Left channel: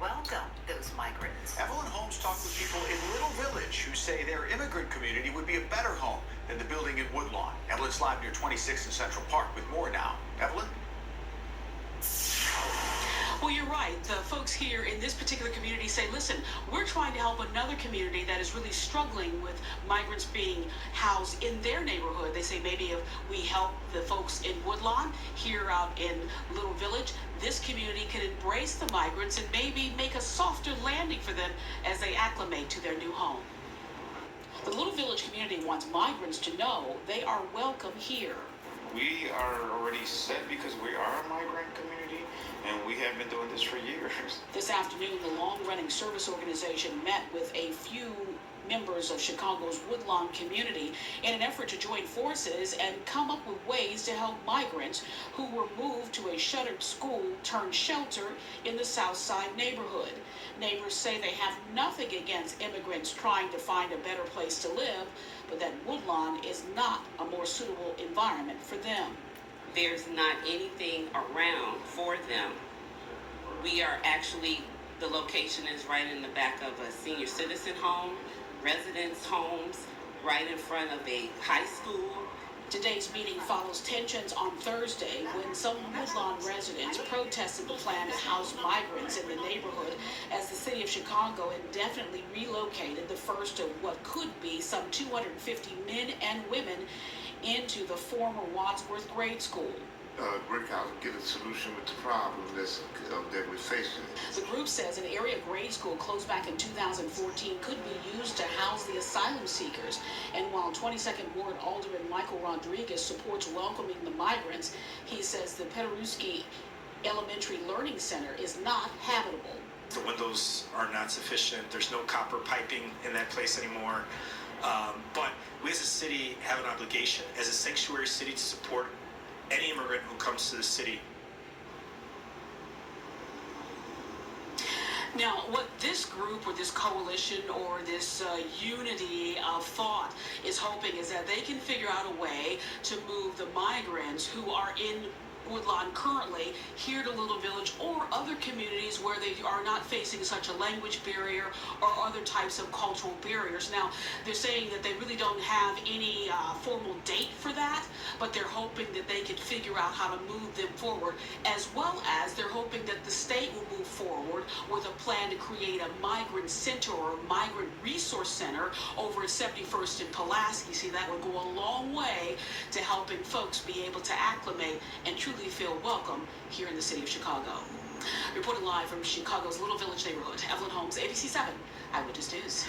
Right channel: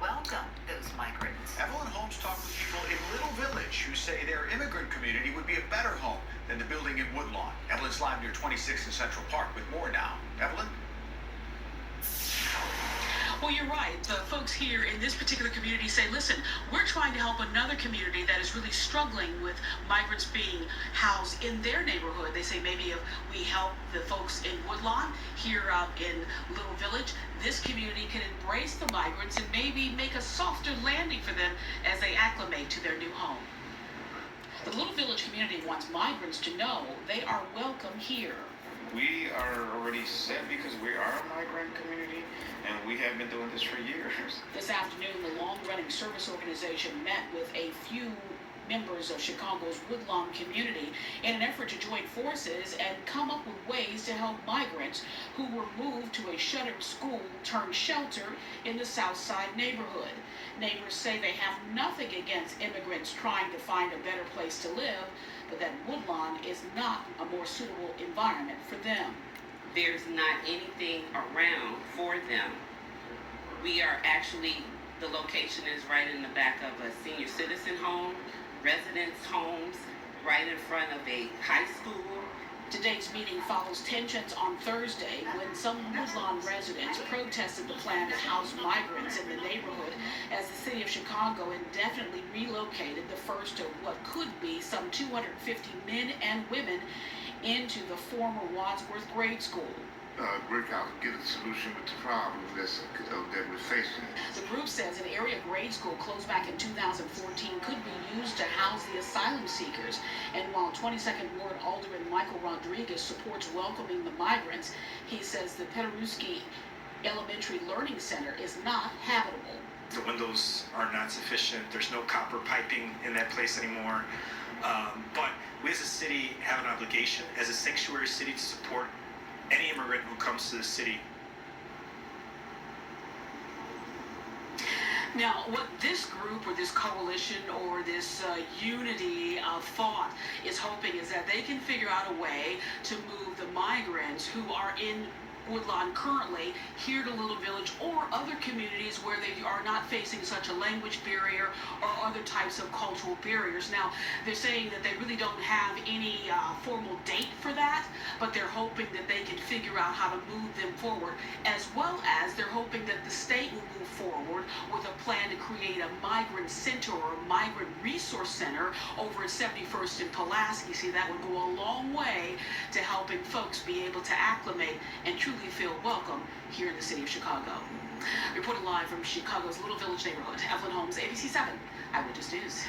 welcome those migrants. Evelyn Holmes talked with people in Little Village who say their immigrant community would be a better home than the building in Woodlawn. Evelyn's live near 26th and Central Park with more now. Evelyn? Well, you're right. The folks here in this particular community say, listen, we're trying to help another community that is really struggling with migrants being housed in their neighborhood. They say maybe if we help the folks in Woodlawn here in Little Village, this community can embrace the migrants and maybe make a softer landing for them as they acclimate to their new home. The Little Village community wants migrants to know they are welcome here. We are already set because we are a migrant community and we have been doing this for years. This afternoon, the long-running service organization met with a few members of Chicago's Woodlawn community in an effort to join forces and come up with ways to help migrants who were moved to a shuttered school turned shelter in the South Side neighborhood. Neighbors say they have nothing against immigrants trying to find a better place to live, but that Woodlawn is not a more suitable environment for them. There's not anything around for them. We are actually, the location is right in the back of a senior citizen home, residence homes, right in front of a high school. Today's meeting follows tensions on Thursday when some Woodlawn residents protested the plan to house migrants in the neighborhood as the city of Chicago indefinitely relocated the first of what could be some 250 men and women into the former Wadsworth grade school. Work out and get a solution with the problem that we're facing. The group says an area grade school closed back in 2014 could be used to house the asylum seekers. And while 22nd Ward Alderman Michael Rodriguez supports welcoming the migrants, he says the Paderewski Elementary Learning Center is not habitable. The windows are not sufficient. There's no copper piping in that place anymore. But we as a city have an obligation as a sanctuary city to support any immigrant who comes to the city. Now, what this group or this coalition or this unity of thought is hoping is that they can figure out a way to move the migrants who are in Woodlawn currently here to Little Village or other communities where they are not facing such a language barrier or other types of cultural barriers. Now, they're saying that they really don't have any formal date for that, but they're hoping that they can figure out how to move them forward, as well as they're hoping that the state will move forward with a plan to create a migrant center or a migrant resource center over at 71st and Pulaski. See, that would go a long way to helping folks be able to acclimate and truly feel welcome here in the city of Chicago. Reporting live from Chicago's Little Village neighborhood, Evelyn Holmes, ABC 7 Eyewitness News.